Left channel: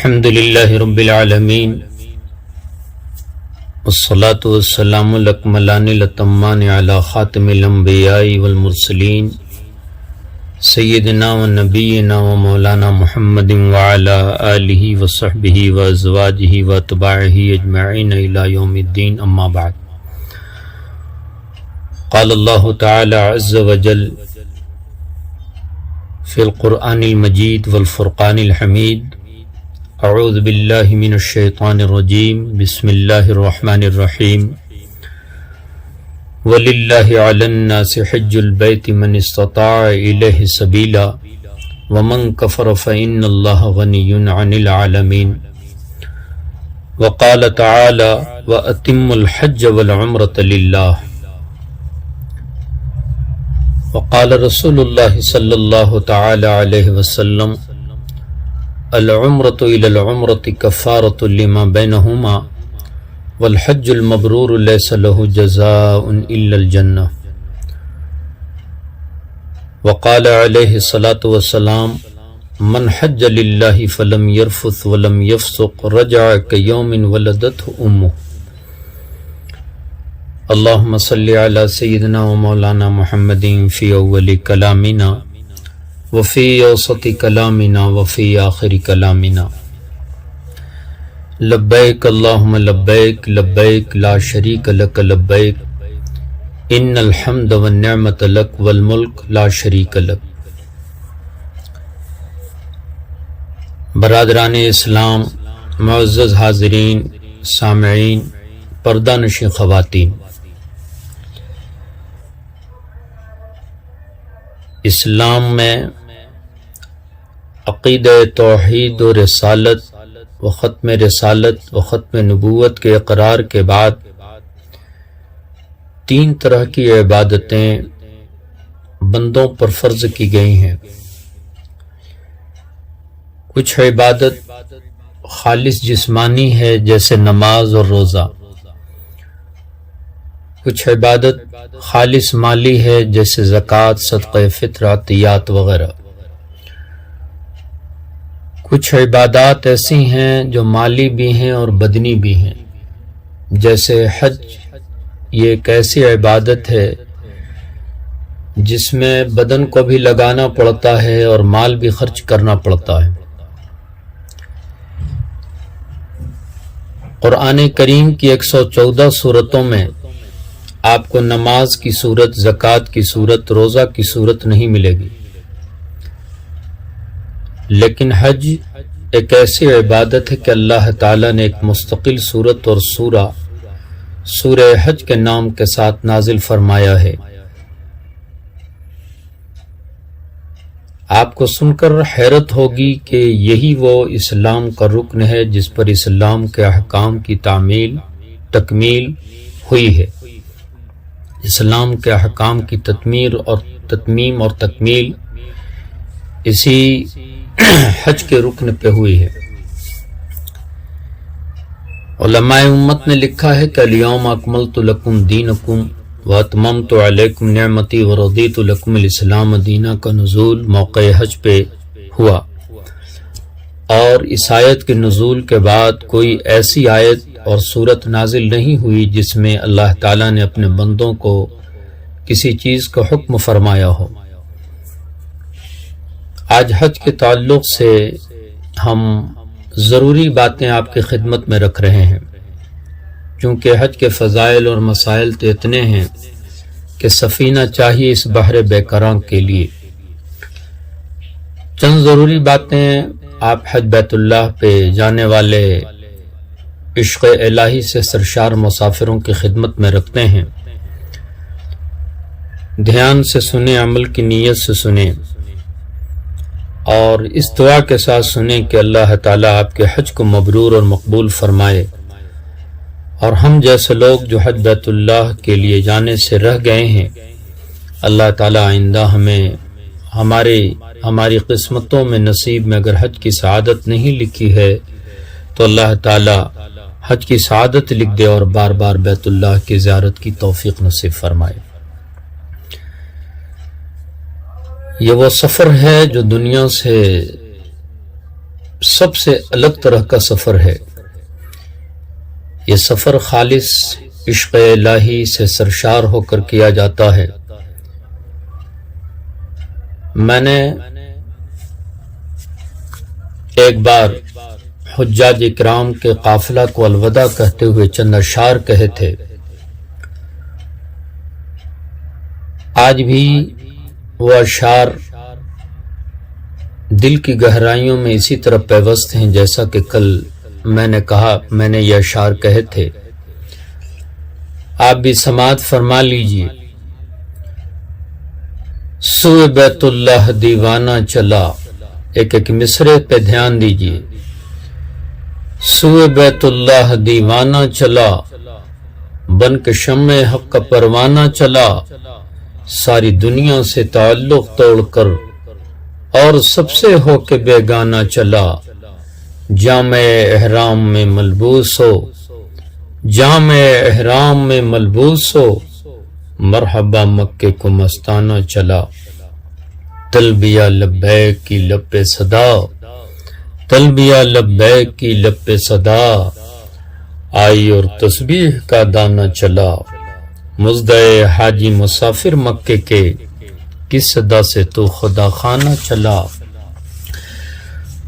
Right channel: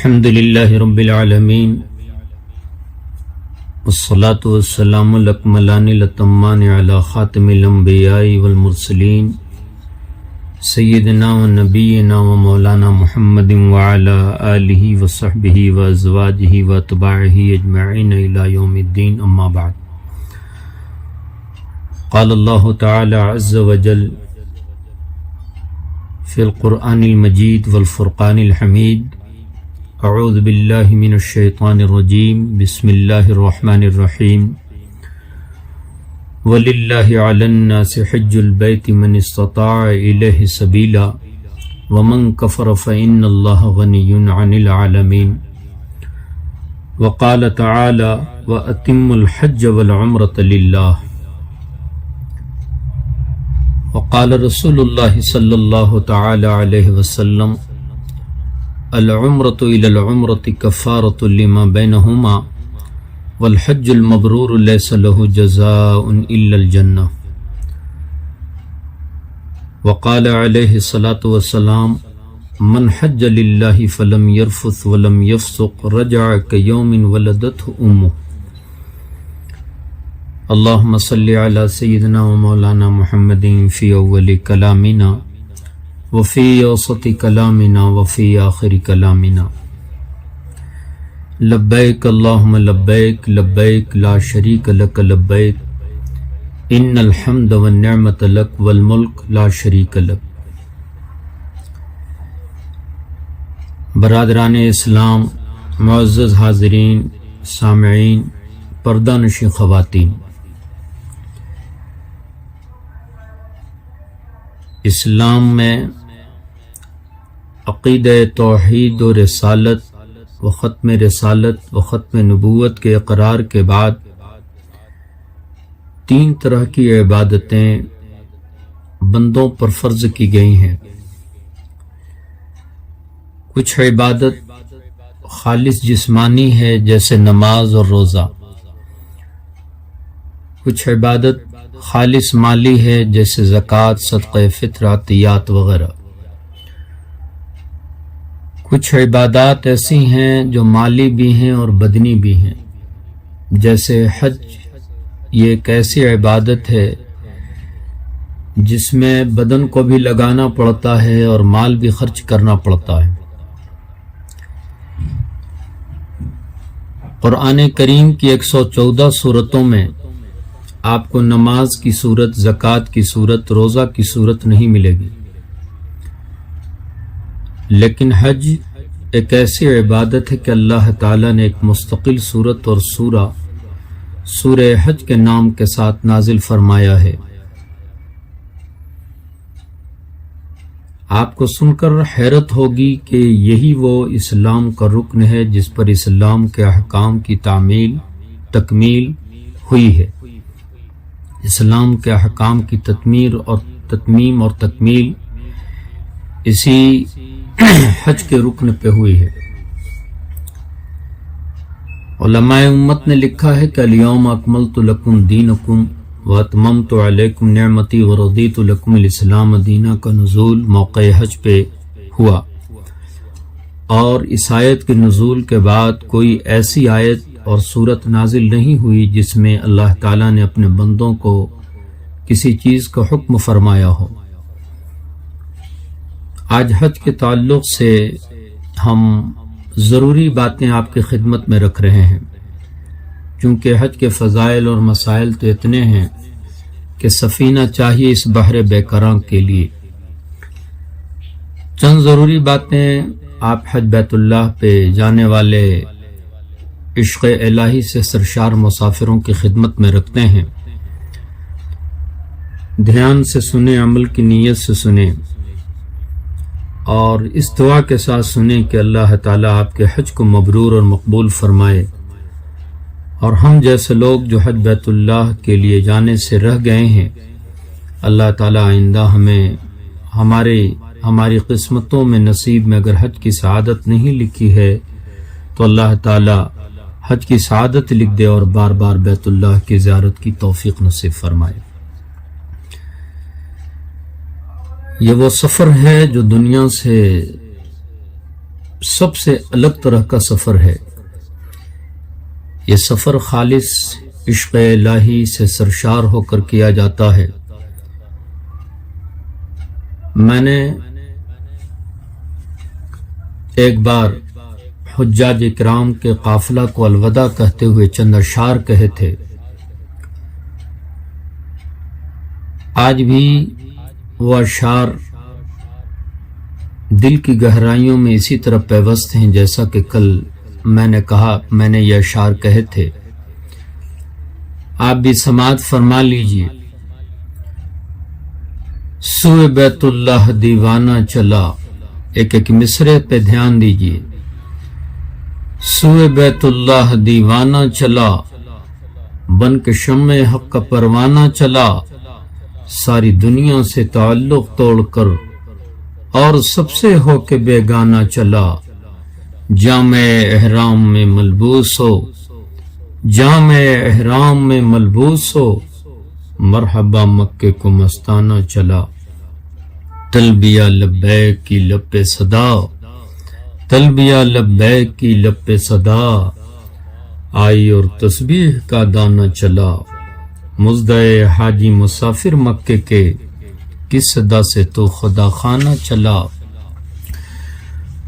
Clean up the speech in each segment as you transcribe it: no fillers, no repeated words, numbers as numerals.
الحمد للہ رب العالمین والصلاة والسلام الاکملان الاتمان علی خاتم الانبیاء والمرسلین سیدنا و نبینا و مولانا محمد وعلی آلہ وصحبہ وازواجہ واتباعہ اجمعین الی یوم الدین، اما بعد۔ قال اللہ تعالی عز وجل فی القرآن المجید والفرقان الحمید، اعوذ باللہ من الشیطان الرجیم، بسم اللہ الرحمن الرحیم۔ وَلِلَّهِ عَلَى النَّاسِ حِجُّ الْبَيْتِ مَنِ اسْتَطَاعَ إِلَيْهِ سَبِيلًا وَمَنْ كَفَرَ فَإِنَّ اللَّهَ غَنِيٌّ عَنِ الْعَالَمِينَ۔ وقال تعالی وَأَتِمُّوا الْحَجَّ وَالْعُمْرَةَ لِلَّهِ۔ وقال رسول اللہ صلی اللہ تعالی علیہ وسلم العمرة إلى العمرة كفارة لما بينهما والحج المبرور ليس له جزاء إلا الجنة۔ وقال عليه الصلاة والسلام من حج لله فلم يرفث ولم يفسق رجع كيوم ولدته أمه۔ اللهم صل على سيدنا ومولانا محمد في أول كلامنا وفي اوسط کلامنا وفي آخر کلامنا۔ لبیک اللہم لبیک لبیک لا شریک لک لبیک ان الحمد والنعمت لک والملک لا شریک لک۔ برادران اسلام، معزز حاضرین، سامعین، پردہ نشین خواتین، اسلام میں عقیدہ توحید و رسالت و ختم رسالت و ختم نبوت کے اقرار کے بعد تین طرح کی عبادتیں بندوں پر فرض کی گئی ہیں۔ کچھ عبادت خالص جسمانی ہے جیسے نماز اور روزہ، کچھ عبادت خالص مالی ہے جیسے زکوٰۃ، صدقہ فطر، عطیات وغیرہ، کچھ عبادات ایسی ہیں جو مالی بھی ہیں اور بدنی بھی ہیں، جیسے حج۔ یہ ایک ایسی عبادت ہے جس میں بدن کو بھی لگانا پڑتا ہے اور مال بھی خرچ کرنا پڑتا ہے۔ قرآن کریم کی 114 سورتوں میں آپ کو نماز کی صورت، زکوٰۃ کی صورت، روزہ کی صورت نہیں ملے گی، لیکن حج ایک ایسی عبادت ہے کہ اللہ تعالیٰ نے ایک مستقل صورت اور سورہ حج کے نام کے ساتھ نازل فرمایا ہے۔ آپ کو سن کر حیرت ہوگی کہ یہی وہ اسلام کا رکن ہے جس پر اسلام کے احکام کی تکمیل ہوئی ہے۔ اسلام کے احکام کی تتمیم اور تکمیل اسی حج کے رکن پہ ہوئی ہے۔ علماء امت نے لکھا ہے کہ الیوم اکملت لکم دینکم واتممت علیکم نعمتی ورضیت لکم الاسلام دینا کا نزول موقع حج پہ ہوا، اور اس آیت کے نزول کے بعد کوئی ایسی آیت اور صورت نازل نہیں ہوئی جس میں اللہ تعالیٰ نے اپنے بندوں کو کسی چیز کا حکم فرمایا ہو۔ آج حج کے تعلق سے ہم ضروری باتیں آپ کی خدمت میں رکھ رہے ہیں، کیونکہ حج کے فضائل اور مسائل تو اتنے ہیں کہ سفینہ چاہیے اس بحر بے کراں کے لیے۔ چند ضروری باتیں آپ حج بیت اللہ پہ جانے والے عشق الہی سے سرشار مسافروں کی خدمت میں رکھتے ہیں۔ دھیان سے سنیں، عمل کی نیت سے سنیں، اور اس دعا کے ساتھ سنیں کہ اللہ تعالیٰ آپ کے حج کو مبرور اور مقبول فرمائے، اور ہم جیسے لوگ جو حج بیت اللہ کے لیے جانے سے رہ گئے ہیں، اللہ تعالیٰ آئندہ ہمیں ہماری قسمتوں میں نصیب میں اگر حج کی سعادت نہیں لکھی ہے تو اللہ تعالیٰ حج کی سعادت لکھ دے اور بار بار بیت اللہ کی زیارت کی توفیق نصیب فرمائے۔ یہ وہ سفر ہے جو دنیا سے سب سے الگ طرح کا سفر ہے۔ یہ سفر خالص عشق الہی سے سرشار ہو کر کیا جاتا ہے۔ میں نے ایک بار حجاج اکرام کے قافلہ کو الوداع کہتے ہوئے چند اشعار کہے تھے۔ آج بھی وہ اشعار دل کی گہرائیوں میں اسی طرح پیوست ہیں جیسا کہ کل میں نے کہا، میں نے یہ اشعار کہے تھے۔ آپ بھی سماعت فرما لیجئے۔ سوئے بیت اللہ دیوانہ چلا، ایک مصرے پہ دھیان دیجئے۔ سوئے بیت اللہ دیوانہ چلا، بن کے شمع حق کا پروانہ چلا، ساری دنیا سے تعلق توڑ کر اور سب سے ہو کے بیگانہ چلا، جامع احرام میں ملبوس ہو، جامع احرام میں ملبوس ہو، مرحبا مکے کو مستانہ چلا۔ تلبیہ لبیک کی لب پہ صدا، تلبیہ لبیک کی لب پہ صدا، آئی اور تسبیح کا دانہ چلا، مزدع حاجی مسافر مکے کے، کس صدا سے تو خدا خانہ چلا۔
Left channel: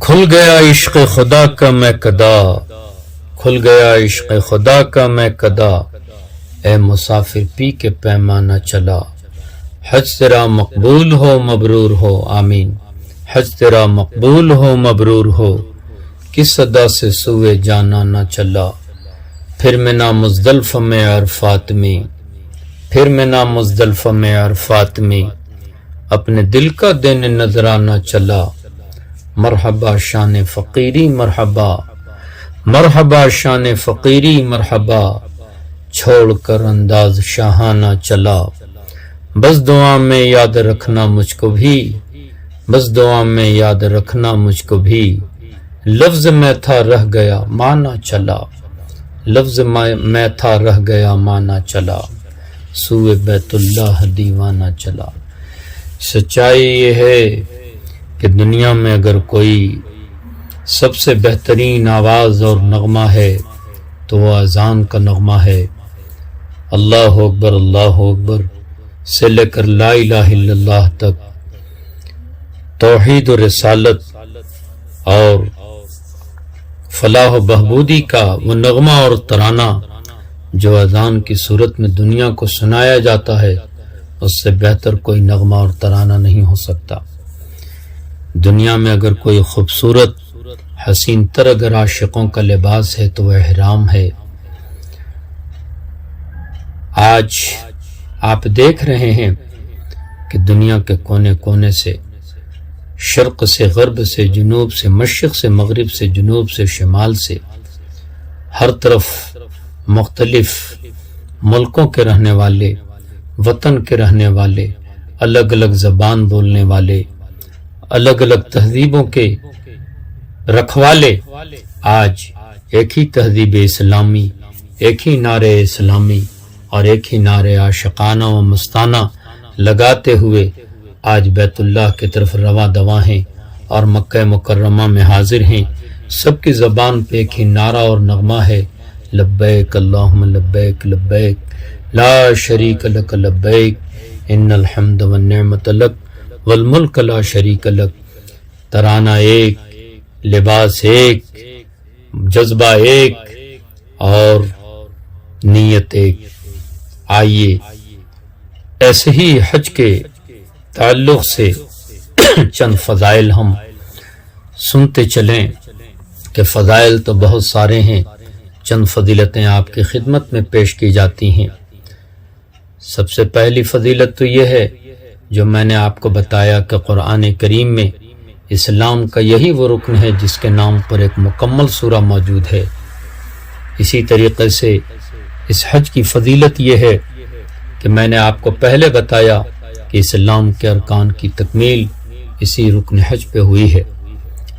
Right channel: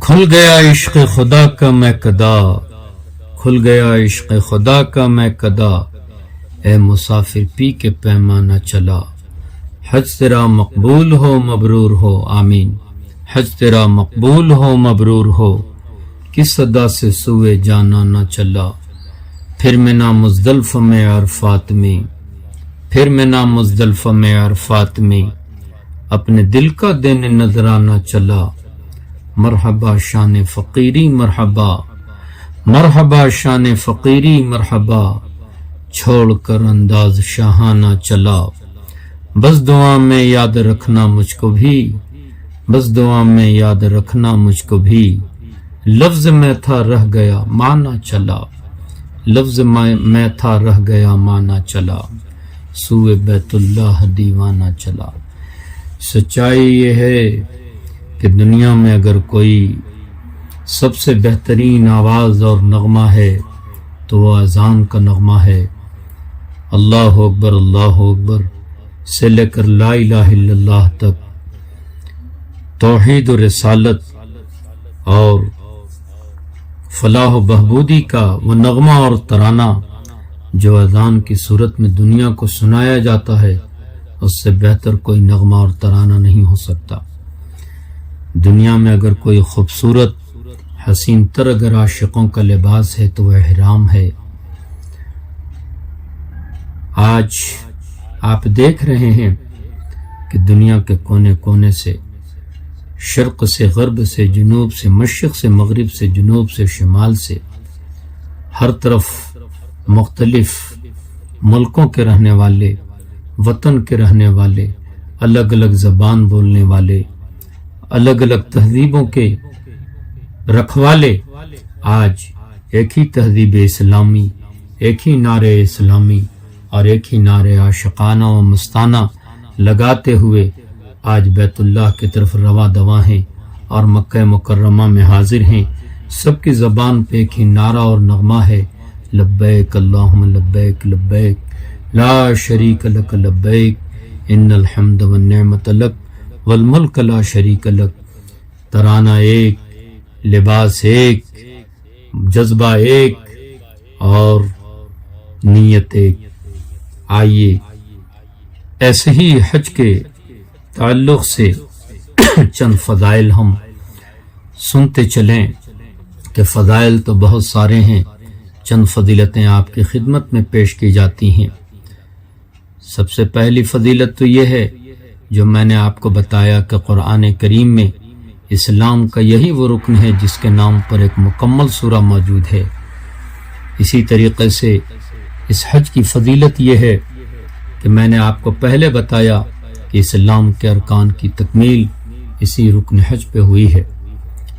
کھل گیا عشق خدا کا میں کدا، کھل گیا عشق خدا کا میں کدا، اے مسافر پی کے پیمانہ چلا۔ حج تیرا مقبول ہو مبرور ہو، آمین۔ حج تیرا مقبول ہو مبرور ہو، کس صدا سے سوئے جانا نہ چلا۔ پھر منا مزدلفہ میں عرفات میں، پھر منا مزدلفہ میں عرفات میں، اپنے دل کا دینے نظرانہ چلا۔ مرحبا شان فقیری مرحبا، مرحبا شان فقیری مرحبا، چھوڑ کر انداز شاہانہ چلا۔ بس دعا میں یاد رکھنا مجھ کو بھی، بس دعا میں یاد رکھنا مجھ کو بھی، لفظ میں تھا رہ گیا مانا چلا، لفظ میں تھا رہ گیا مانا چلا، سوئے بیت اللہ دیوانہ چلا۔ سچائی یہ ہے کہ دنیا میں اگر کوئی سب سے بہترین آواز اور نغمہ ہے تو وہ اذان کا نغمہ ہے۔ اللہ اکبر اللہ اکبر سے لے کر لا الہ الا اللہ تک توحید و رسالت اور فلاح و بہبودی کا وہ نغمہ اور ترانہ جو اذان کی صورت میں دنیا کو سنایا جاتا ہے، اس سے بہتر کوئی نغمہ اور ترانہ نہیں ہو سکتا۔ دنیا میں اگر کوئی خوبصورت حسین تر اگر عاشقوں کا لباس ہے تو وہ احرام ہے۔ آج آپ دیکھ رہے ہیں کہ دنیا کے کونے کونے سے، شرق سے غرب سے، جنوب سے مشرق سے مغرب سے، جنوب سے شمال سے، ہر طرف مختلف ملکوں کے رہنے والے، وطن کے رہنے والے، الگ الگ زبان بولنے والے، الگ الگ تہذیبوں کے رکھوالے آج ایک ہی تہذیب اسلامی، ایک ہی نعرے اسلامی اور ایک ہی نعرے عاشقانہ و مستانہ لگاتے ہوئے آج بیت اللہ کی طرف رواں دواں ہیں اور مکہ مکرمہ میں حاضر ہیں۔ سب کی زبان پہ ایک ہی نعرہ اور نغمہ ہے، لبیک اللہم لبیک لبیک لا شریک لک لبیک ان الحمد والنعمت لک والملک لا شریک لک۔ ترانہ ایک، لباس ایک، جذبہ ایک اور نیت ایک۔ آئیے ایسے ہی حج کے تعلق سے چند فضائل ہم سنتے چلیں کہ فضائل تو بہت سارے ہیں، چند فضیلتیں آپ کی خدمت میں پیش کی جاتی ہیں۔ سب سے پہلی فضیلت تو یہ ہے جو میں نے آپ کو بتایا کہ قرآن کریم میں اسلام کا یہی وہ رکن ہے جس کے نام پر ایک مکمل سورہ موجود ہے۔ اسی طریقے سے اس حج کی فضیلت یہ ہے کہ میں نے آپ کو پہلے بتایا کہ اسلام کے ارکان کی تکمیل اسی رکن حج پہ ہوئی ہے۔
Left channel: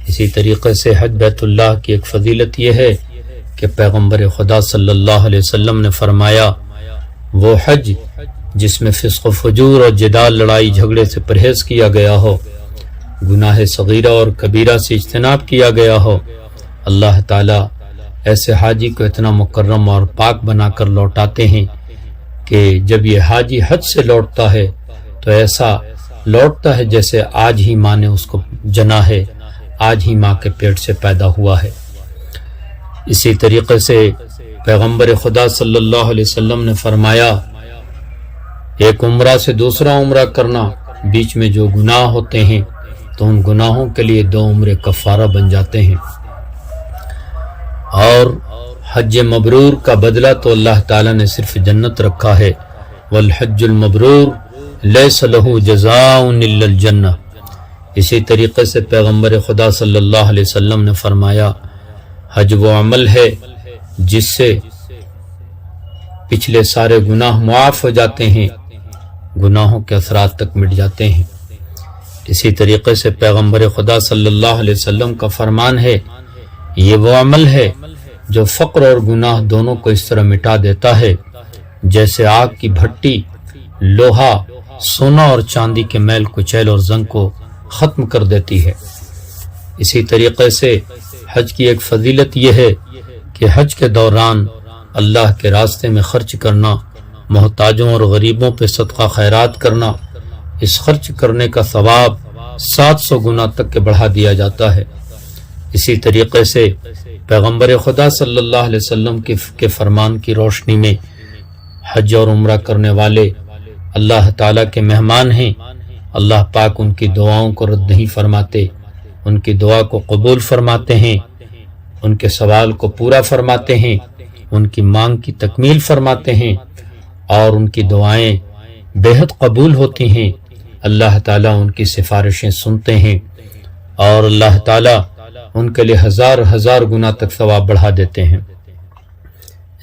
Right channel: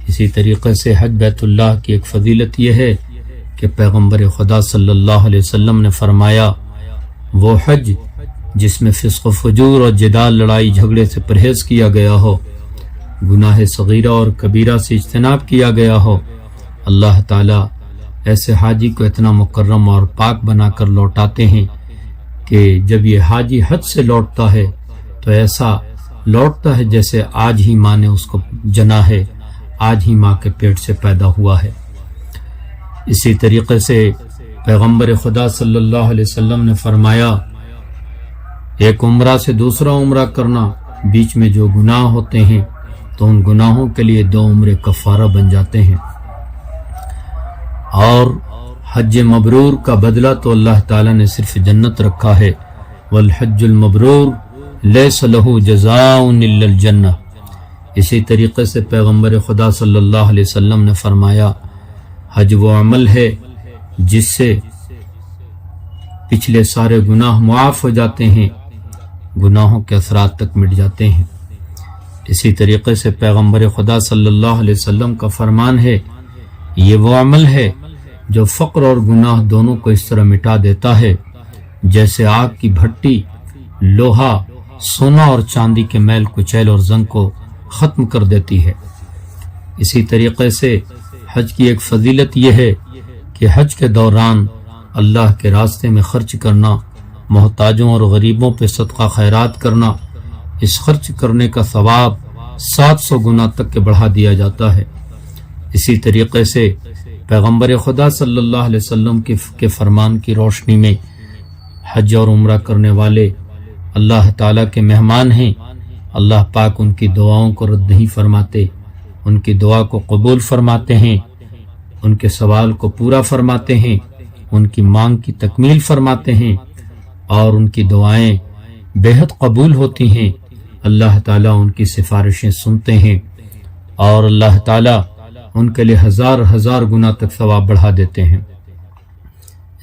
اسی طریقے سے حج بیت اللہ کی ایک فضیلت یہ ہے کہ پیغمبر خدا صلی اللہ علیہ وسلم نے فرمایا وہ حج جس میں فسق و فجور اور جدال، لڑائی جھگڑے سے پرہیز کیا گیا ہو، گناہ صغیرہ اور کبیرہ سے اجتناب کیا گیا ہو، اللہ تعالیٰ ایسے حاجی کو اتنا مکرم اور پاک بنا کر لوٹاتے ہیں کہ جب یہ حاجی حج سے لوٹتا ہے تو ایسا لوٹتا ہے جیسے آج ہی ماں نے اس کو جنا ہے، آج ہی ماں کے پیٹ سے پیدا ہوا ہے۔ اسی طریقے سے پیغمبر خدا صلی اللہ علیہ وسلم نے فرمایا، ایک عمرہ سے دوسرا عمرہ کرنا، بیچ میں جو گناہ ہوتے ہیں تو ان گناہوں کے لیے 2 عمرے کفارہ بن جاتے ہیں۔ اور حج مبرور کا بدلہ تو اللہ تعالیٰ نے صرف جنت رکھا ہے، والحج المبرور لیس له جزاء الا الجنہ۔ اسی طریقے سے پیغمبر خدا صلی اللہ علیہ وسلم نے فرمایا، حج وہ عمل ہے جس سے پچھلے سارے گناہ معاف ہو جاتے ہیں، گناہوں کے اثرات تک مٹ جاتے ہیں۔ اسی طریقے سے پیغمبر خدا صلی اللہ علیہ وسلم کا فرمان ہے، یہ وہ عمل ہے جو فقر اور گناہ دونوں کو اس طرح مٹا دیتا ہے جیسے آگ کی بھٹی لوہا، سونا اور چاندی کے میل کچیل اور زنگ کو ختم کر دیتی ہے۔ اسی طریقے سے حج کی ایک فضیلت یہ ہے کہ حج کے دوران اللہ کے راستے میں خرچ کرنا، محتاجوں اور غریبوں پہ صدقہ خیرات کرنا، اس خرچ کرنے کا ثواب 700 گنا تک کے بڑھا دیا جاتا ہے۔ اسی طریقے سے پیغمبر خدا صلی اللہ علیہ وسلم کے فرمان کی روشنی میں حج اور عمرہ کرنے والے اللہ تعالیٰ کے مہمان ہیں، اللہ پاک ان کی دعاؤں کو رد نہیں فرماتے، ان کی دعا کو قبول فرماتے ہیں، ان کے سوال کو پورا فرماتے ہیں، ان کی مانگ کی تکمیل فرماتے ہیں اور ان کی دعائیں بے حد قبول ہوتی ہیں۔ اللہ تعالیٰ ان کی سفارشیں سنتے ہیں اور اللہ تعالیٰ ان کے لیے 1000 گنا تک ثواب بڑھا دیتے ہیں۔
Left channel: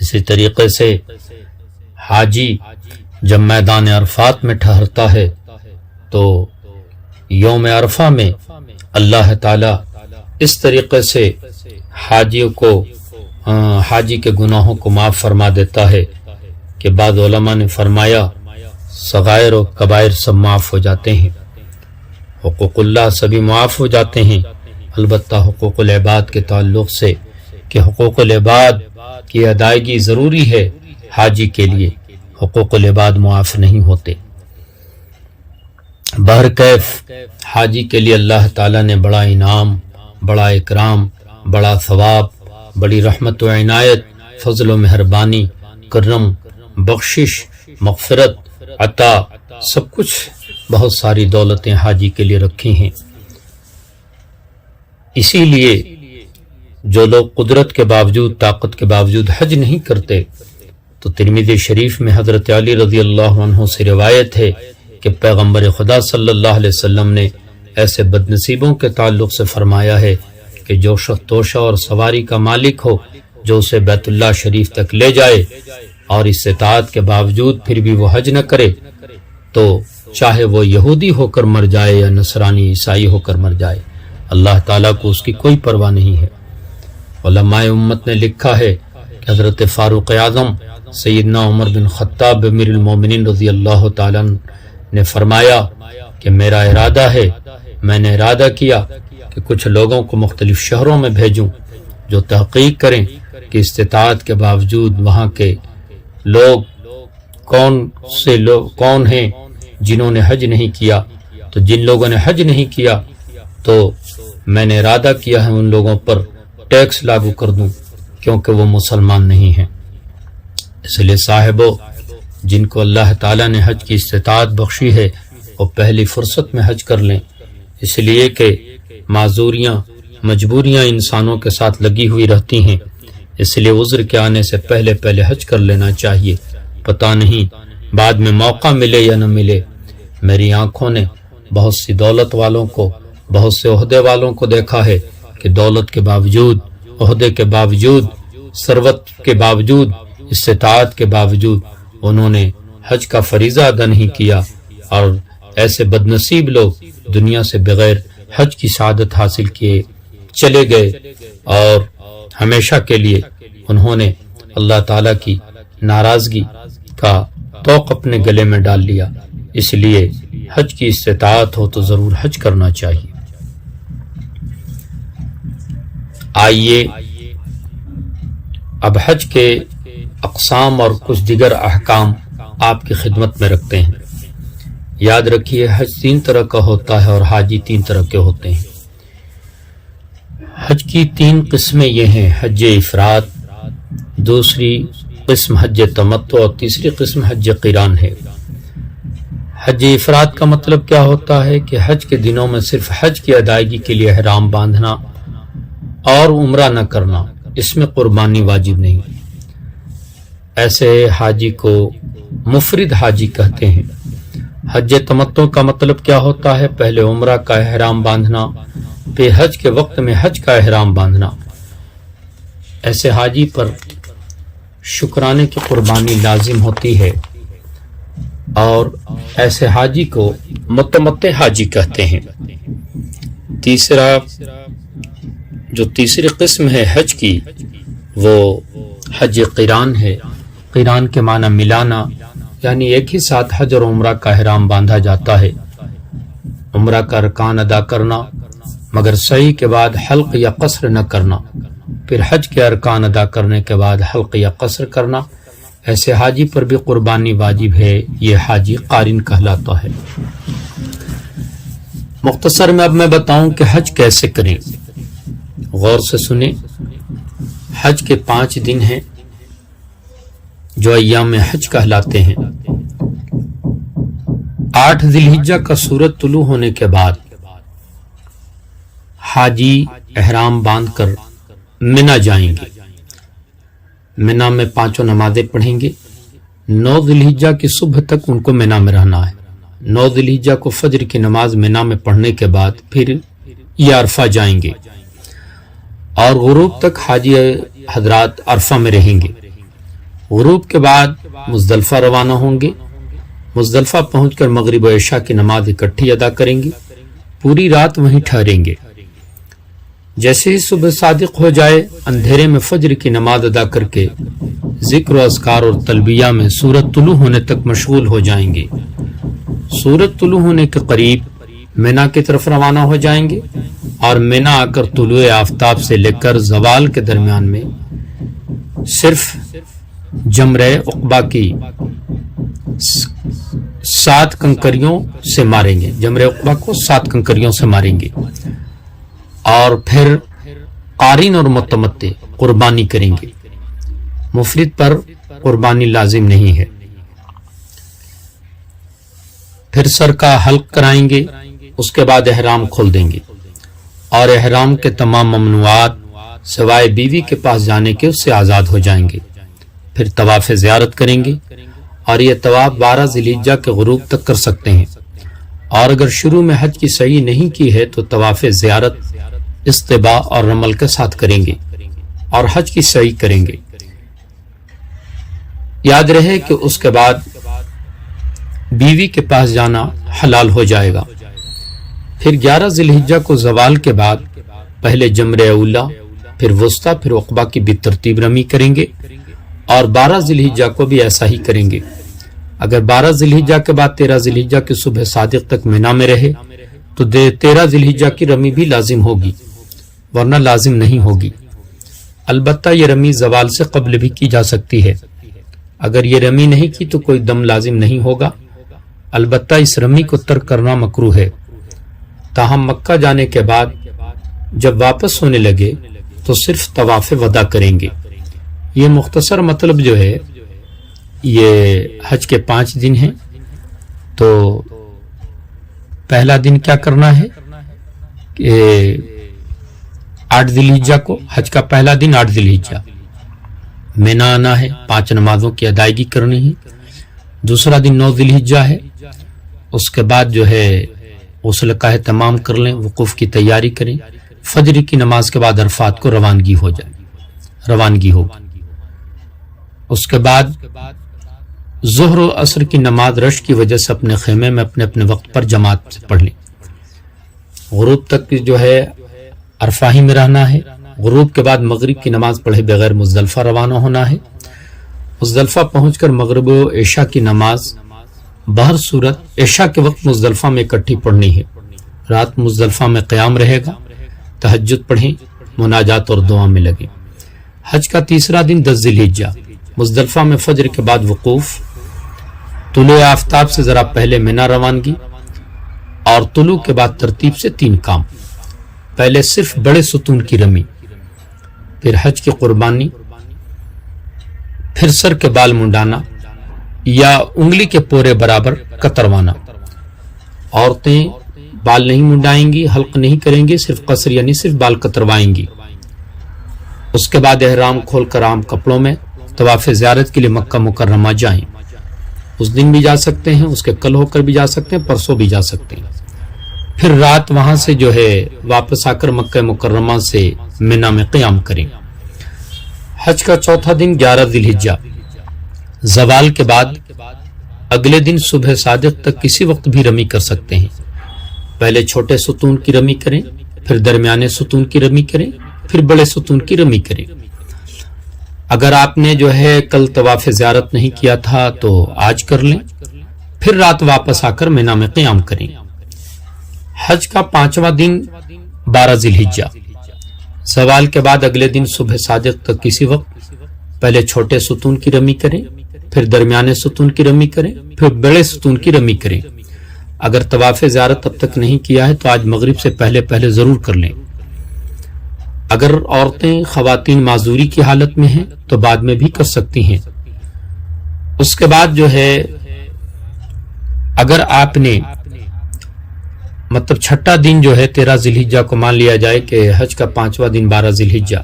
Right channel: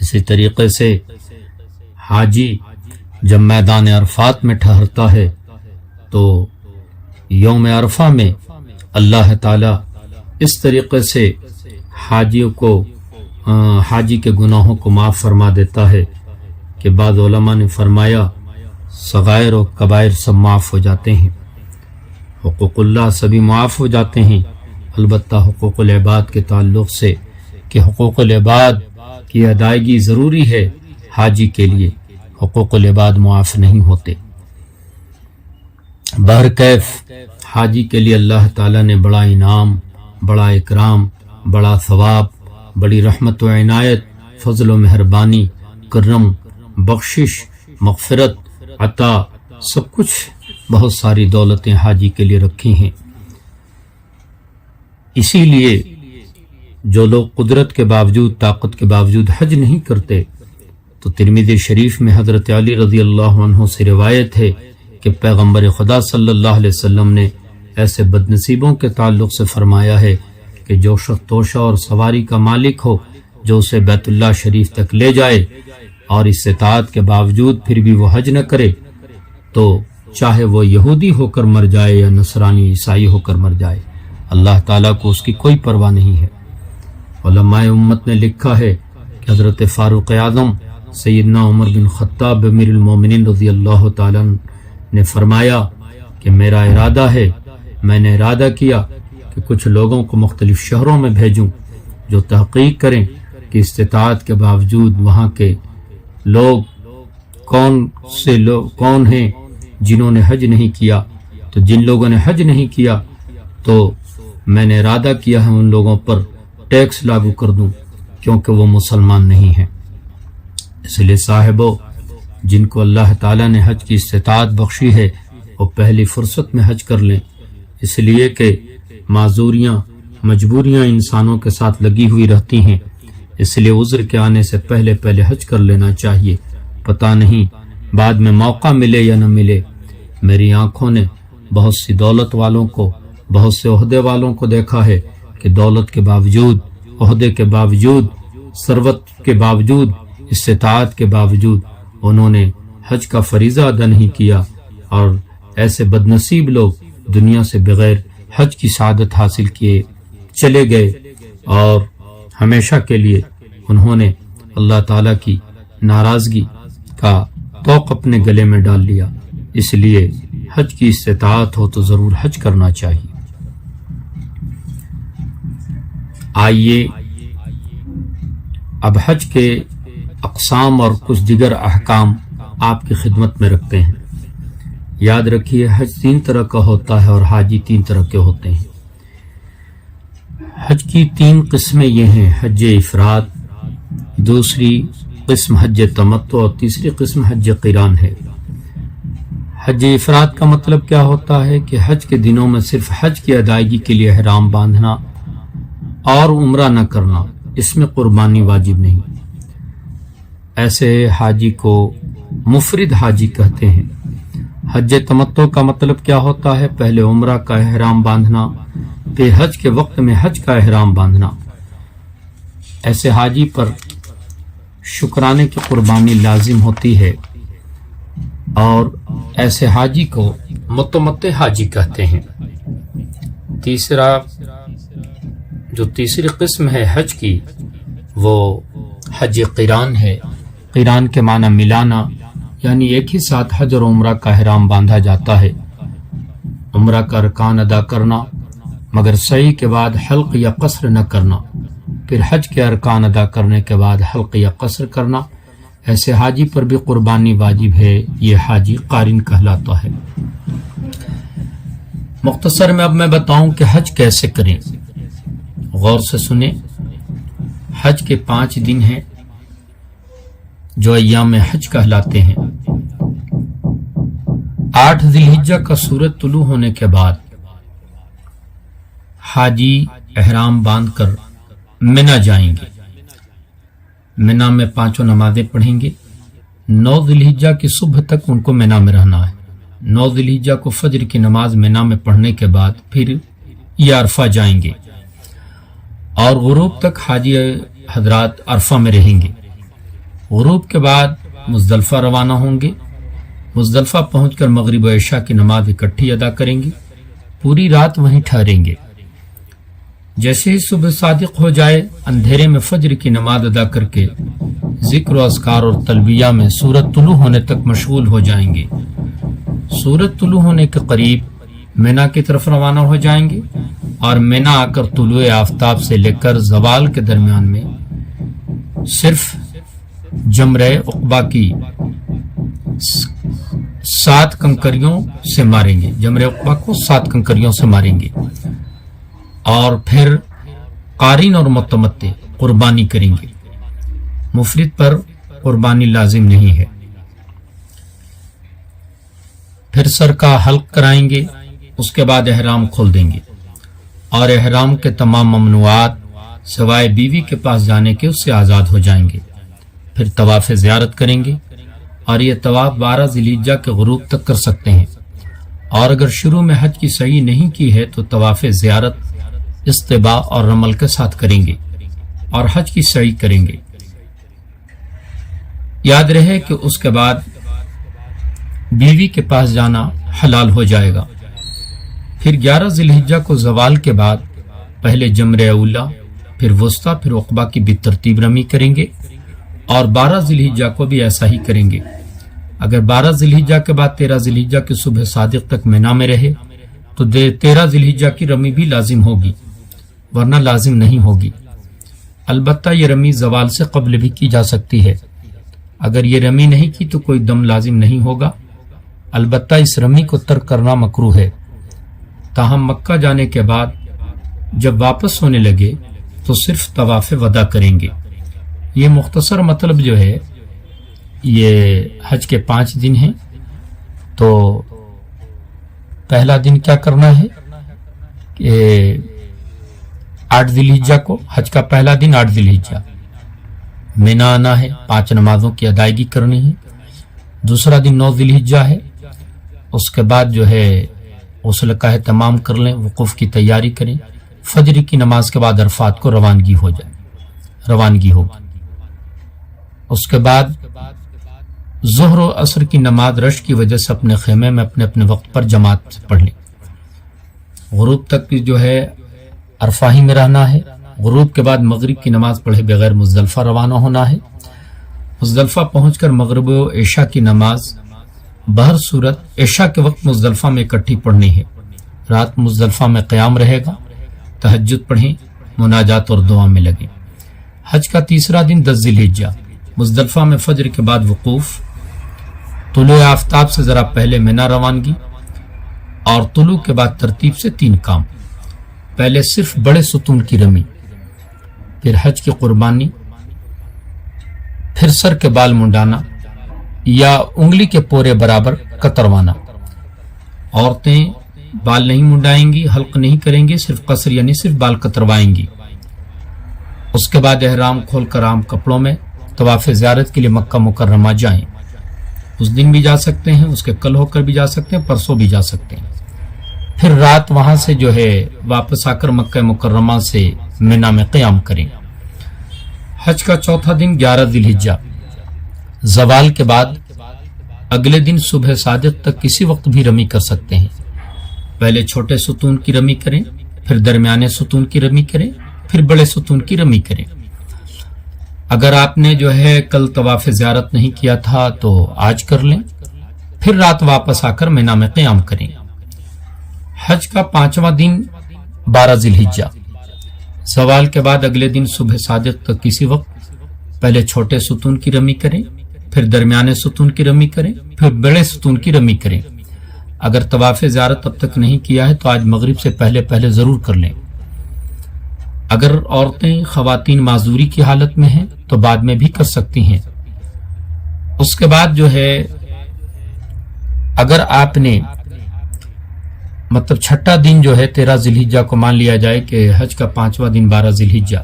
اسی طریقے سے حاجی جب میدان عرفات میں ٹھہرتا ہے تو یوم عرفہ میں اللہ تعالیٰ اس طریقے سے حاجی کے گناہوں کو معاف فرما دیتا ہے کہ بعض علماء نے فرمایا صغائر و کبائر سب معاف ہو جاتے ہیں، حقوق اللہ سبھی معاف ہو جاتے ہیں، البتہ حقوق العباد کے تعلق سے کہ حقوق العباد کی ادائیگی ضروری ہے حاجی کے لیے، حقوق العباد معاف نہیں ہوتے۔ بہرکیف حاجی کے لیے اللہ تعالیٰ نے بڑا انعام، بڑا اکرام، بڑا ثواب، بڑی رحمت و عنایت، فضل و مہربانی، کرم، بخشش، مغفرت، عطا، سب کچھ بہت ساری دولتیں حاجی کے لیے رکھی ہیں۔ اسی لیے جو لوگ قدرت کے باوجود، طاقت کے باوجود حج نہیں کرتے تو ترمذی شریف میں حضرت علی رضی اللہ عنہ سے روایت ہے کہ پیغمبر خدا صلی اللہ علیہ وسلم نے ایسے بدنصیبوں کے تعلق سے فرمایا ہے کہ جو شخص توشہ اور سواری کا مالک ہو، جو اسے بیت اللہ شریف تک لے جائے اور استطاعت کے باوجود پھر بھی وہ حج نہ کرے تو چاہے وہ یہودی ہو کر مر جائے یا نصرانی عیسائی ہو کر مر جائے، اللہ تعالیٰ کو اس کی کوئی پرواہ نہیں ہے۔ علماء امت نے لکھا ہے کہ حضرت فاروق اعظم سیدنا عمر بن خطاب امیر المومنین رضی اللہ تعالیٰ نے فرمایا کہ میرا ارادہ ہے، میں نے ارادہ کیا کہ کچھ لوگوں کو مختلف شہروں میں بھیجوں جو تحقیق کریں کہ استطاعت کے باوجود وہاں کے لوگ کون ہیں جنہوں نے حج نہیں کیا، تو جن لوگوں نے حج نہیں کیا تو میں نے ارادہ کیا ہے ان لوگوں پر ٹیکس لاگو کر دوں کیونکہ وہ مسلمان نہیں ہیں۔ اس لیے صاحبو، جن کو اللہ تعالیٰ نے حج کی استطاعت بخشی ہے وہ پہلی فرصت میں حج کر لیں، اس لیے کہ معذوریاں، مجبوریاں انسانوں کے ساتھ لگی ہوئی رہتی ہیں، اس لیے عذر کے آنے سے پہلے حج کر لینا چاہیے، پتہ نہیں بعد میں موقع ملے یا نہ ملے۔ میری آنکھوں نے بہت سی دولت والوں کو، بہت سے عہدے والوں کو دیکھا ہے کہ دولت کے باوجود، عہدے کے باوجود، ثروت کے باوجود، استطاعت کے باوجود انہوں نے حج کا فریضہ ادا نہیں کیا، اور ایسے بدنصیب لوگ دنیا سے بغیر حج کی سعادت حاصل کیے چلے گئے اور ہمیشہ کے لیے انہوں نے اللہ تعالیٰ کی ناراضگی کا توق اپنے گلے میں ڈال لیا۔ اس لیے حج کی استطاعت ہو تو ضرور حج کرنا چاہیے۔ آئیے اب حج کے اقسام اور کچھ دیگر احکام آپ کی خدمت میں رکھتے ہیں۔ یاد رکھیے حج 3 طرح کا ہوتا ہے اور حاجی 3 طرح کے ہوتے ہیں۔ حج کی 3 قسمیں یہ ہیں: حج افراد، دوسری قسم حج تمتع اور تیسری قسم حج قران ہے۔ حج افراد کا مطلب کیا ہوتا ہے کہ حج کے دنوں میں صرف حج کی ادائیگی کے لیے احرام باندھنا اور عمرہ نہ کرنا، اس میں قربانی واجب نہیں۔ ایسے حاجی کو مفرد حاجی کہتے ہیں۔ حج تمتع کا مطلب کیا ہوتا ہے؟ پہلے عمرہ کا احرام باندھنا، پھر حج کے وقت میں حج کا احرام باندھنا۔ ایسے حاجی پر شکرانے کی قربانی لازم ہوتی ہے اور ایسے حاجی کو متمتع حاجی کہتے ہیں۔ تیسری قسم ہے حج کی، وہ حج قران ہے۔ قران کے معنی ملانا، یعنی ایک ہی ساتھ حج اور عمرہ کا احرام باندھا جاتا ہے۔ عمرہ کا ارکان ادا کرنا مگر سعی کے بعد حلق یا قصر نہ کرنا، پھر حج کے ارکان ادا کرنے کے بعد حلق یا قصر کرنا۔ ایسے حاجی پر بھی قربانی واجب ہے، یہ حاجی قارن کہلاتا ہے۔ مختصر میں اب میں بتاؤں کہ حج کیسے کریں، غور سے سنیں۔ حج کے 5 دن ہیں جو ایام حج کہلاتے ہیں۔ 8 ذی الحجہ کا سورج طلوع ہونے کے بعد حاجی احرام باندھ کر منا جائیں گے۔ منا میں 5 نمازیں پڑھیں گے۔ 9 ذی الحجہ کی صبح تک ان کو منا میں رہنا ہے۔ 9 ذی الحجہ کو فجر کی نماز منا میں پڑھنے کے بعد پھر یہ عرفہ جائیں گے اور غروب تک حاجی حضرات عرفہ میں رہیں گے۔ غروب کے بعد مزدلفہ روانہ ہوں گے۔ مزدلفہ پہنچ کر مغرب و عشاء کی نماز اکٹھی ادا کریں گے، پوری رات وہیں ٹھہریں گے۔ جیسے ہی صبح صادق ہو جائے، اندھیرے میں فجر کی نماز ادا کر کے ذکر و اذکار اور تلبیہ میں سورج طلوع ہونے تک مشغول ہو جائیں گے۔ سورج طلوع ہونے کے قریب مینا کی طرف روانہ ہو جائیں گے اور مینا آ کر طلوع آفتاب سے لے کر زوال کے درمیان میں صرف جمرہ عقبہ کی 7 کنکریوں سے ماریں گے۔ جمرہ عقبہ کو 7 کنکریوں سے ماریں گے اور پھر قارن اور متمتع قربانی کریں گے۔ مفرد پر قربانی لازم نہیں ہے۔ پھر سر کا حلق کرائیں گے، اس کے بعد احرام کھول دیں گے اور احرام کے تمام ممنوعات سوائے بیوی کے پاس جانے کے اس سے آزاد ہو جائیں گے۔ پھر طواف زیارت کریں گے اور یہ طواف 12 ذی الحجہ کے غروب تک کر سکتے ہیں، اور اگر شروع میں حج کی سعی نہیں کی ہے تو طواف زیارت استباء اور رمل کے ساتھ کریں گے اور حج کی سعی کریں گے۔ یاد رہے کہ اس کے بعد بیوی کے پاس جانا حلال ہو جائے گا۔ پھر 11 ذی الحجہ کو زوال کے بعد پہلے جمرہ اولا، پھر وسطیٰ، پھر عقبہ کی بالترتیب رمی کریں گے اور 12 ذی الحجہ کو بھی ایسا ہی کریں گے۔ اگر 12 ذی الحجہ کے بعد 13 ذی الحجہ کی صبح صادق تک مینا میں رہے تو 13 ذی الحجہ کی رمی بھی لازم ہوگی، ورنہ لازم نہیں ہوگی۔ البتہ یہ رمی زوال سے قبل بھی کی جا سکتی ہے۔ اگر یہ رمی نہیں کی تو کوئی دم لازم نہیں ہوگا، البتہ اس رمی کو ترک کرنا مکروہ ہے۔ تاہم مکہ جانے کے بعد جب واپس ہونے لگے تو صرف طواف وداع کریں گے۔ یہ مختصر مطلب جو ہے، یہ حج کے 5 دن ہیں۔ تو پہلا دن کیا کرنا ہے کہ 8 ذی الحجہ کو، حج کا پہلا دن 8 ذی الحجہ مینا آنا ہے، 5 نمازوں کی ادائیگی کرنی ہے۔ دوسرا دن 9 ذی الحجہ ہے، اس کے بعد جو ہے غسل کا اہتمام کر لیں، وقوف کی تیاری کریں، فجر کی نماز کے بعد عرفات کو روانگی ہوگی۔ اس کے بعد ظہر و عصر کی نماز رش کی وجہ سے اپنے خیمے میں اپنے وقت پر جماعت سے پڑھ لیں۔ غروب تک جو ہے عرفہ ہی میں رہنا ہے۔ غروب کے بعد مغرب کی نماز پڑھے بغیر مزدلفہ روانہ ہونا ہے۔ مزدلفہ پہنچ کر مغرب و عشاء کی نماز بہر صورت عشاء کے وقت مزدلفہ میں اکٹھی پڑھنی ہے۔ رات مزدلفہ میں قیام رہے گا، تہجد پڑھیں، مناجات اور دعا میں لگے۔ حج کا تیسرا دن 10 ذی الحجہ، مزدلفہ میں فجر کے بعد وقوف، طلوع آفتاب سے ذرا پہلے منا روانگی، اور طلوع کے بعد ترتیب سے 3 کام۔ پہلے صرف بڑے ستون کی رمی، پھر حج کی قربانی، پھر سر کے بال منڈانا یا انگلی کے پورے برابر کتروانا۔ عورتیں بال نہیں منڈائیں گی، حلق نہیں کریں گی، صرف قصر یعنی صرف بال کتروائیں گی۔ اس کے بعد احرام کھول کر عام کپڑوں میں طواف زیارت کے لیے مکہ مکرمہ جائیں۔ اس دن بھی جا سکتے ہیں، اس کے کل ہو کر بھی جا سکتے ہیں، پرسوں بھی جا سکتے ہیں۔ پھر رات وہاں سے جو ہے واپس آ کر مکہ مکرمہ سے منا میں قیام کریں۔ حج کا چوتھا دن 11 ذی الحجہ، زوال کے بعد اگلے دن صبح صادق تک کسی وقت بھی رمی کر سکتے ہیں۔ پہلے چھوٹے ستون کی رمی کریں، پھر درمیانے ستون کی رمی کریں، پھر بڑے ستون کی رمی کریں۔ اگر آپ نے جو ہے کل طواف زیارت نہیں کیا تھا تو آج کر لیں، پھر رات واپس آ کر منا میں قیام کریں۔ حج کا 5واں دن 12 ذی الحجہ، زوال کے بعد اگلے دن صبح صادق تک کسی وقت پہلے چھوٹے ستون کی رمی کریں، پھر درمیانے ستون کی رمی کریں، پھر بڑے ستون کی رمی کریں۔ اگر طواف زیارت اب تک نہیں کیا ہے تو آج مغرب سے پہلے ضرور کر لیں۔ اگر عورتیں خواتین معذوری کی حالت میں ہیں تو بعد میں بھی کر سکتی ہیں۔ اس کے بعد جو ہے اگر آپ نے مطلب چھٹا دن جو ہے 13 ذی الحجہ کو مان لیا جائے کہ حج کا 5واں دن 12 ذی الحجہ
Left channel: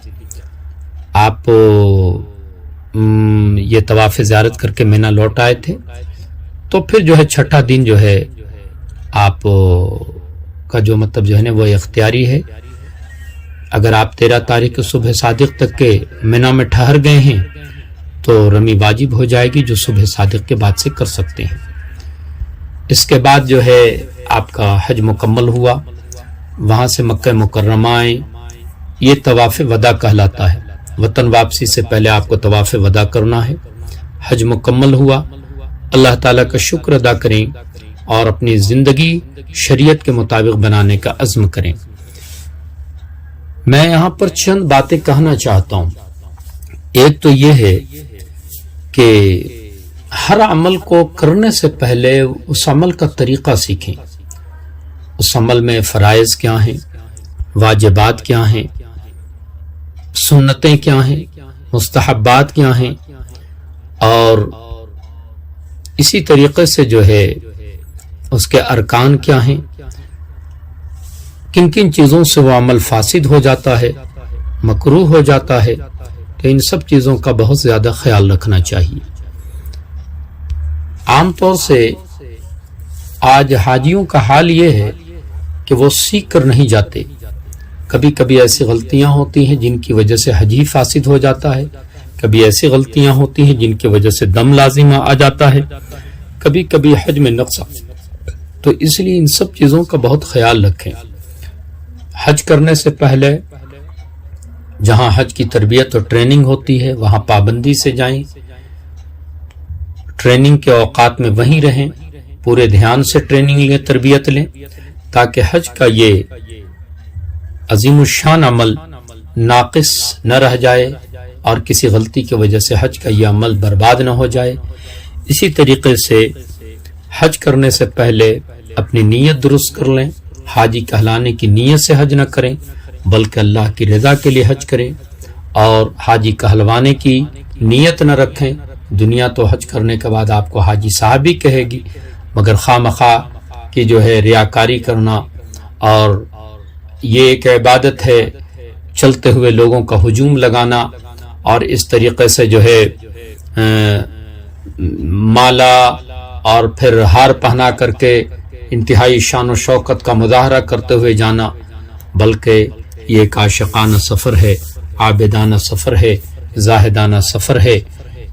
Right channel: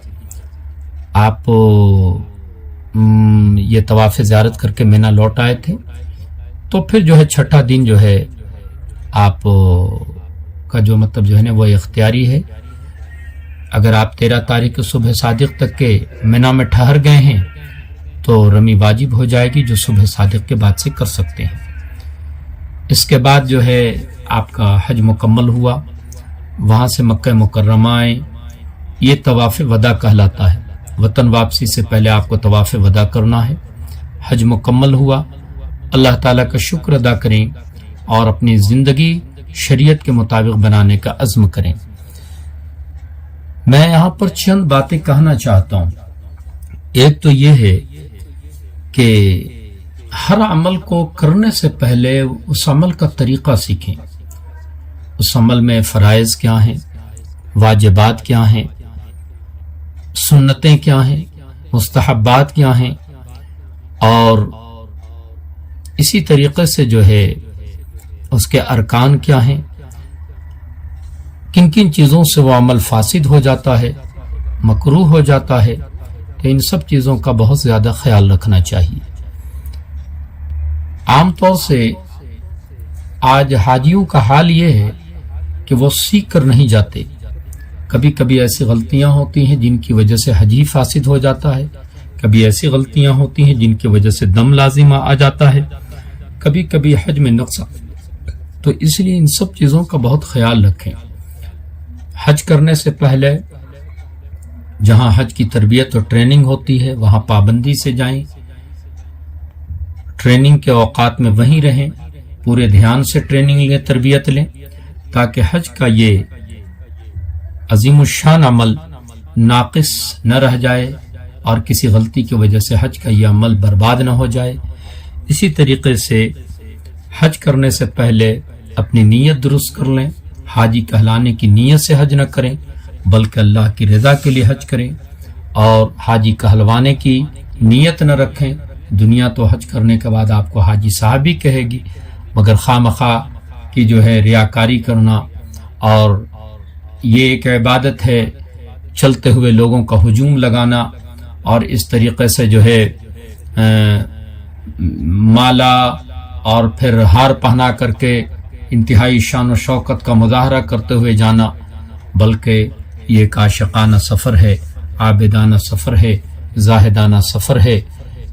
آپ یہ طواف زیارت کر کے مینا لوٹ آئے تھے، تو پھر جو ہے چھٹا دن جو ہے آپ کا جو مطلب جو ہے نا وہ اختیاری ہے۔ اگر آپ 13 تاریخ صبح صادق تک کے مینا میں ٹھہر گئے ہیں تو رمی واجب ہو جائے گی، جو صبح صادق کے بعد سے کر سکتے ہیں۔ اس کے بعد جو ہے آپ کا حج مکمل ہوا، وہاں سے مکہ مکرمہ آئے، یہ طواف وداع کہلاتا ہے۔ وطن واپسی سے پہلے آپ کو طواف وداع کرنا ہے۔ حج مکمل ہوا، اللہ تعالیٰ کا شکر ادا کریں اور اپنی زندگی شریعت کے مطابق بنانے کا عزم کریں۔ میں یہاں پر چند باتیں کہنا چاہتا ہوں۔ ایک تو یہ ہے کہ ہر عمل کو کرنے سے پہلے اس عمل کا طریقہ سیکھیں۔ اس عمل میں فرائض کیا ہیں، واجبات کیا ہیں، سنتیں کیا ہیں، مستحبات کیا ہیں، اور اسی طریقے سے جو ہے اس کے ارکان کیا ہیں، کن کن چیزوں سے وہ عمل فاسد ہو جاتا ہے، مکروہ ہو جاتا ہے، تو ان سب چیزوں کا بہت زیادہ خیال رکھنا چاہیے۔ عام طور سے آج حاجیوں کا حال یہ ہے کہ وہ سیکھ کر نہیں جاتے۔ کبھی کبھی ایسی غلطیاں ہوتی ہیں جن کی وجہ سے حج ہی فاسد ہو جاتا ہے، کبھی ایسی غلطیاں ہوتی ہیں جن کی وجہ سے دم لازم آ جاتا ہے، کبھی کبھی حج میں نقص۔ تو اس لیے ان سب چیزوں کا بہت خیال رکھیں۔ حج کرنے سے پہلے جہاں حج کی تربیت اور ٹریننگ ہوتی ہے وہاں پابندی سے جائیں، ٹریننگ کے اوقات میں وہیں رہیں، پورے دھیان سے ٹریننگ لیں، تربیت لیں، تاکہ حج کا یہ عظیم الشان عمل ناقص نہ رہ جائے اور کسی غلطی کی وجہ سے حج کا یہ عمل برباد نہ ہو جائے۔ اسی طریقے سے حج کرنے سے پہلے اپنی نیت درست کر لیں۔ حاجی کہلانے کی نیت سے حج نہ کریں بلکہ اللہ کی رضا کے لیے حج کریں، اور حاجی کہلوانے کی نیت نہ رکھیں۔ دنیا تو حج کرنے کے بعد آپ کو حاجی صاحب ہی کہے گی، مگر خواہ مخواہ کی جو ہے ریاکاری کرنا، اور یہ ایک عبادت ہے، چلتے ہوئے لوگوں کا ہجوم لگانا اور اس طریقے سے جو ہے مالا اور پھر ہار پہنا کر کے انتہائی شان و شوکت کا مظاہرہ کرتے ہوئے جانا، بلکہ یہ ایک عاشقانہ سفر ہے، عابدانہ سفر ہے، زاہدانہ سفر ہے،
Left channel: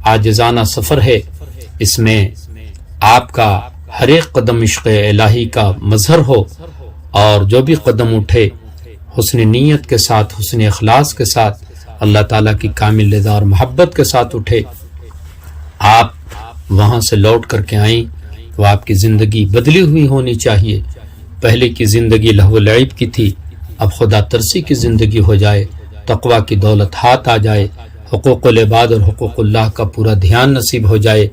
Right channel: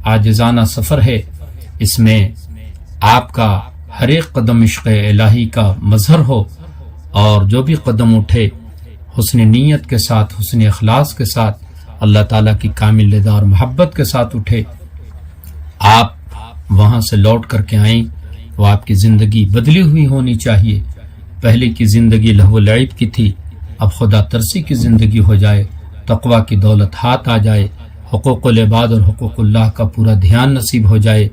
عاجزانہ سفر ہے۔ اس میں آپ کا ہر ایک قدم عشق الہی کا مظہر ہو، اور جو بھی قدم اٹھے حسن نیت کے ساتھ، حسن اخلاص کے ساتھ، اللہ تعالیٰ کی کامل رضا اور محبت کے ساتھ اٹھے۔ آپ وہاں سے لوٹ کر کے آئیں تو آپ کی زندگی بدلی ہوئی ہونی چاہیے۔ پہلے کی زندگی لہو و لعب کی تھی، اب خدا ترسی کی زندگی ہو جائے، تقوی کی دولت ہاتھ آ جائے، حقوق العباد اور حقوق اللہ کا پورا دھیان نصیب ہو جائے،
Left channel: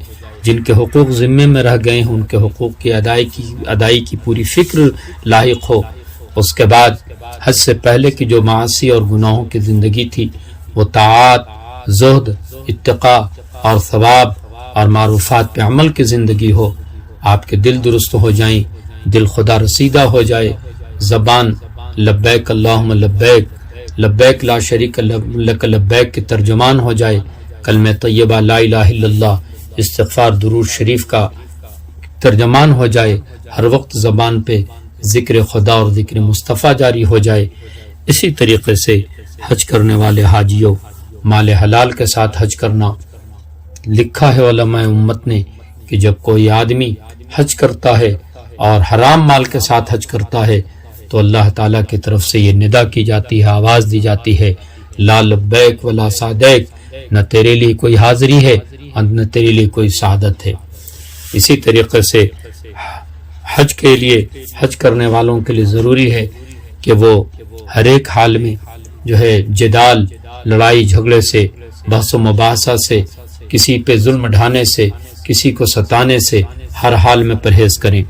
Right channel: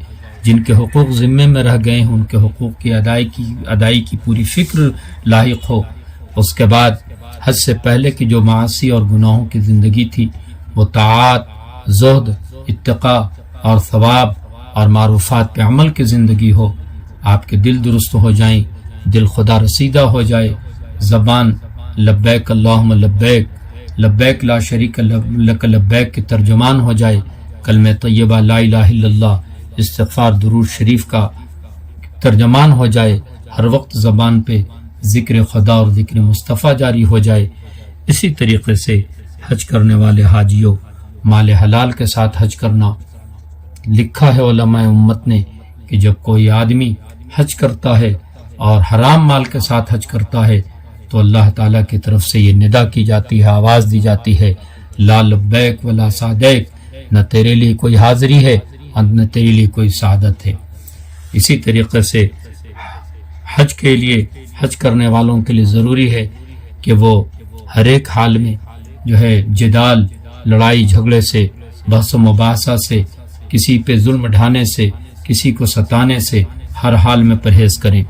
جن کے حقوق ذمے میں رہ گئے ہیں ان کے حقوق کی ادائی کی پوری فکر لاحق ہو۔ اس کے بعد حج سے پہلے کی جو معاصی اور گناہوں کی زندگی تھی وہ طاعات، زہد، اتقاء اور ثواب اور معروفات پہ عمل کی زندگی ہو۔ آپ کے دل درست ہو جائیں، دل خدا رسیدہ ہو جائے، زبان لبیک اللہم لبیک، لبیک لا شریک لک لبیک کی ترجمان ہو جائے، کلمہ طیبہ لا الہ الا اللہ، استغفار درود شریف کا ترجمان ہو جائے، ہر وقت زبان پہ ذکر خدا اور ذکر مصطفیٰ جاری ہو جائے۔ اسی طریقے سے حج کرنے والے حاجیوں مال حلال کے ساتھ حج کرنا۔ لکھا ہے علماء امت نے کہ جب کوئی آدمی حج کرتا ہے اور حرام مال کے ساتھ حج کرتا ہے تو اللہ تعالیٰ کی طرف سے یہ ندا کی جاتی ہے، آواز دی جاتی ہے، لا لبیک ولا سعدیک، نہ تیرے لیے کوئی حاضری ہے اور نہ تیرے لیے کوئی سعادت ہے۔ اسی طریقے سے حج کے لیے، حج کرنے والوں کے لیے ضروری ہے کہ وہ ہر ایک حال میں جو ہے جدال، لڑائی جھگڑے سے، بحث و مباحثہ سے، کسی پہ ظلم ڈھانے سے، کسی کو ستانے سے ہر حال میں پرہیز کریں۔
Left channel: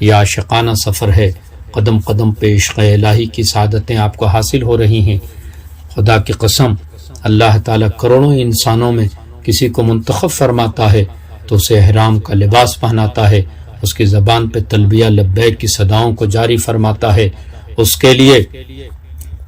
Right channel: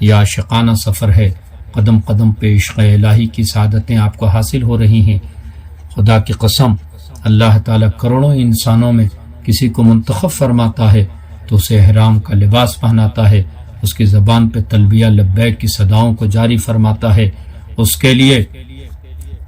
یہ عاشقانہ سفر ہے، قدم قدم پہ عشق الہی کی سعادتیں آپ کو حاصل ہو رہی ہیں۔ خدا کی قسم، اللہ تعالیٰ کروڑوں انسانوں میں کسی کو منتخب فرماتا ہے تو اسے احرام کا لباس پہناتا ہے، اس کی زبان پہ تلبیہ لبیک کی صداؤں کو جاری فرماتا ہے، اس کے لیے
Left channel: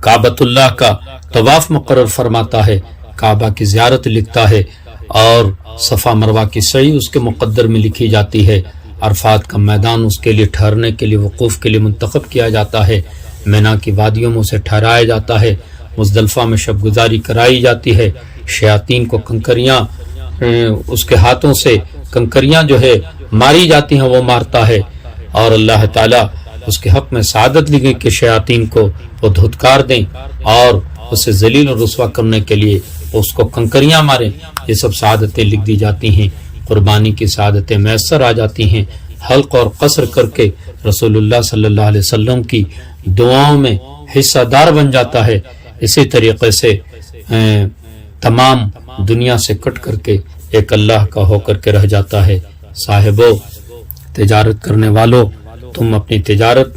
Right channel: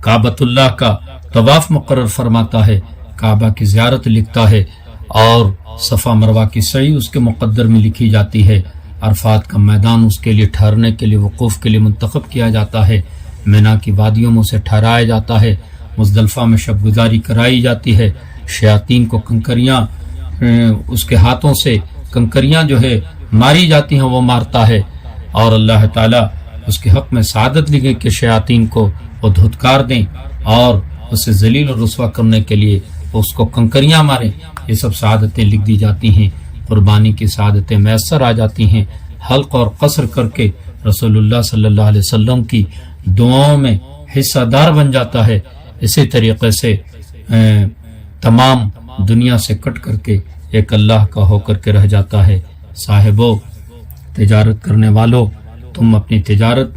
کعبۃ اللہ کا طواف مقرر فرماتا ہے، کعبہ کی زیارت لکھتا ہے، اور صفا مروہ کی سعی اس کے مقدر میں لکھی جاتی ہے، عرفات کا میدان اس کے لیے ٹھہرنے کے لیے، وقوف کے لیے منتخب کیا جاتا ہے، مینا کی وادیوں میں اسے ٹھہرایا جاتا ہے، مزدلفہ میں شب گزاری کرائی جاتی ہے، شیاطین کو کنکریاں اس کے ہاتھوں سے کنکریاں جو ہے ماری جاتی ہیں، وہ مارتا ہے، اور اللہ تعالیٰ اس کے حق میں سعادت لکھے کہ شیاطین کو وہ دھتکار دیں اور اسے ذلیل اور رسوا کرنے کے لیے اس کو کنکریاں ماریں۔ یہ سب سعادتیں لکھ دی جاتی ہیں، قربانی کی سعادتیں میسر آ جاتی ہیں، حلق اور قصر کر کے رسول اللہ صلی اللہ علیہ وسلم کی دعاؤں میں حصہ دار بن جاتا ہے۔ اسی طریقے سے تمام دنیا سے کٹ کر کے ایک اللہ کا ہو کر کے رہ جاتا ہے۔ صاحبو، تجارت کرنے والو، تم اپنی تجارت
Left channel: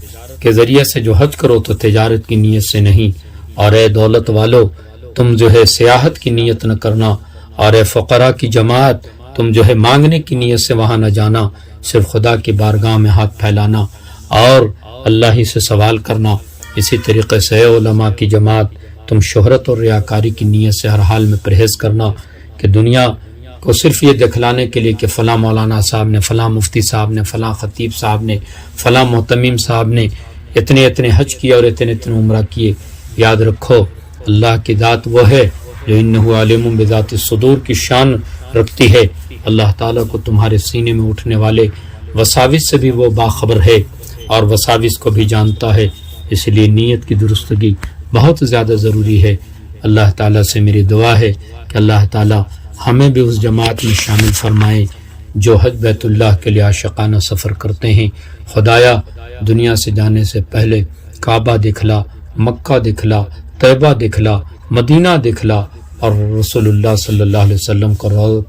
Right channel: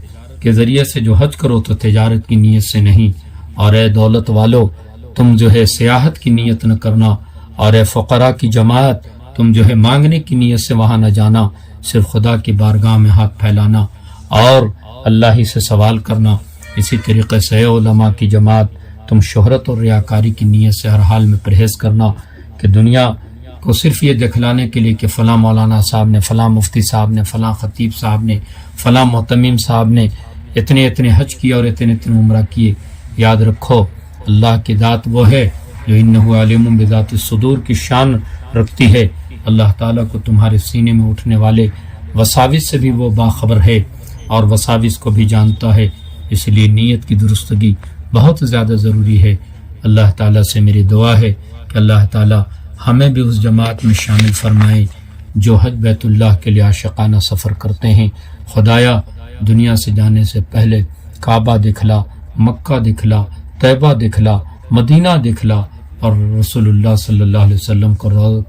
کے ذریعے سے جو حج کرو تو تجارت کی نیت سے نہیں، اور اے دولت والو تم جو ہے سیاحت کی نیت نہ کرنا، اور اے فقراء کی جماعت تم جو ہے مانگنے کی نیت سے وہاں نہ جانا، صرف خدا کی بارگاہ میں ہاتھ پھیلانا اور اللہ ہی سے سوال کرنا۔ اسی طریقے سے اے علماء کی جماعت تم شہرت اور ریاکاری کی نیت سے ہر حال میں پرہیز کرنا، کہ دنیا کو صرف یہ دکھلانے کے لیے کہ فلاں مولانا صاحب نے، فلاں مفتی صاحب نے، فلاں خطیب صاحب نے، فلاں محتمم صاحب نے اتنے اتنے حج کیے اور اتنے اتنے عمرہ کیے۔ یاد رکھو اللہ کی ذات وہ ہے جو انہ علیم بذات الصدور کی شان رکھتی ہے۔ اللہ تعالیٰ کو تمہارے سینے میں اٹھنے والے وساوس سے بھی وہ باخبر ہے اور وساوس کو بھی جانتا ہے، اس لیے نیت کی درستگی بہت زیادہ ضروری ہے۔ اللہ تعالیٰ سے میری دعا ہے کہ اللہ تعالیٰ ہمیں بھی اس جماعت میں شامل فرمائے جو حج بیت اللہ کے لیے عاشقانہ سفر کرتے ہیں۔ خدایا دنیا سے جانے سے پہلے کعبہ دکھلا، مکہ دکھلا، طیبہ دکھلا، مدینہ دکھلا، اور رسول اللہ صلی اللہ علیہ وسلم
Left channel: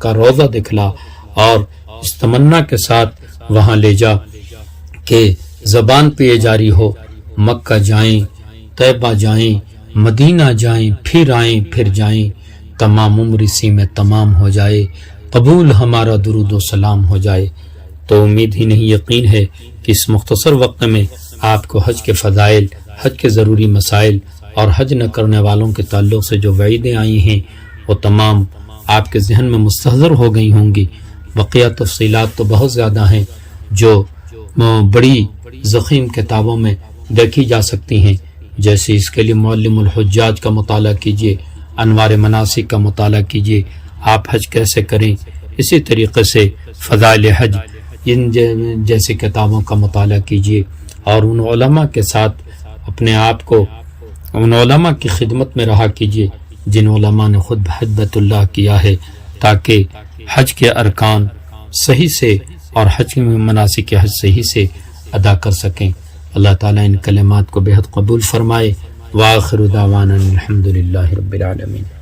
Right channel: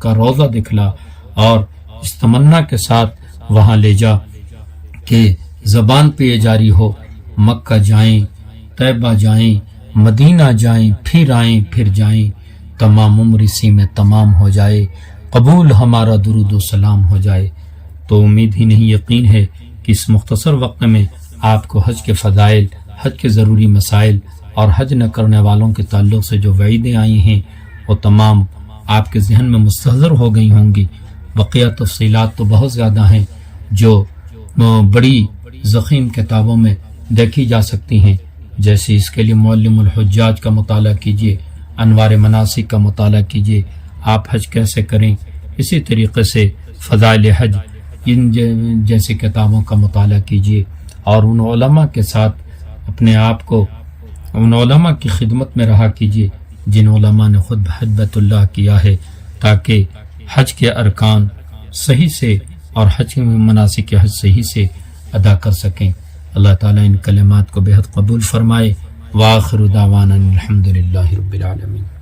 کا روضہ دکھلا، اور اس تمنا کے ساتھ وہاں لے جا کہ زبان پہ یہ جاری ہو، مکہ جائیں، طیبہ جائیں، مدینہ جائیں، پھر آئیں، پھر جائیں، تمام عمر اسی میں تمام ہو جائے، قبول ہمارا درود و سلام ہو جائے۔ تو امید ہی نہیں یقین ہے کہ اس مختصر وقت میں آپ کو حج کے فضائل، حج کے ضروری مسائل اور حج نہ کرنے والوں کے تعلق سے جو وعیدیں آئی ہیں وہ تمام آپ کے ذہن میں مستحضر ہو گئی ہوں گی۔ بقیہ تفصیلات تو بہت زیادہ ہیں جو بڑی ضخیم کتابوں میں دیکھی جا سکتی ہیں، جیسے اس کے لیے معلم الحجاج کا مطالعہ کیجیے، انوار مناسک کا مطالعہ کیجیے، آپ حج کیسے کریں، اسی طریقے سے فضائل حج ان جیسی کتابوں کا مطالعہ کیجیے، اور ان علماء کے ساتھ اپنے آپ کو ان علماء کی خدمت میں رہا کیجیے جن علماء نے خود حج بیت اللہ کیا ہے، تاکہ حج کے ارکان صحیح سے اور حج میں مناسک حج صحیح سے ادا کر سکیں۔ اللہ تعالیٰ ان کلمات کو بے حد قبول فرمائے، وآخر دعوانا الحمد للہ رب العالمین.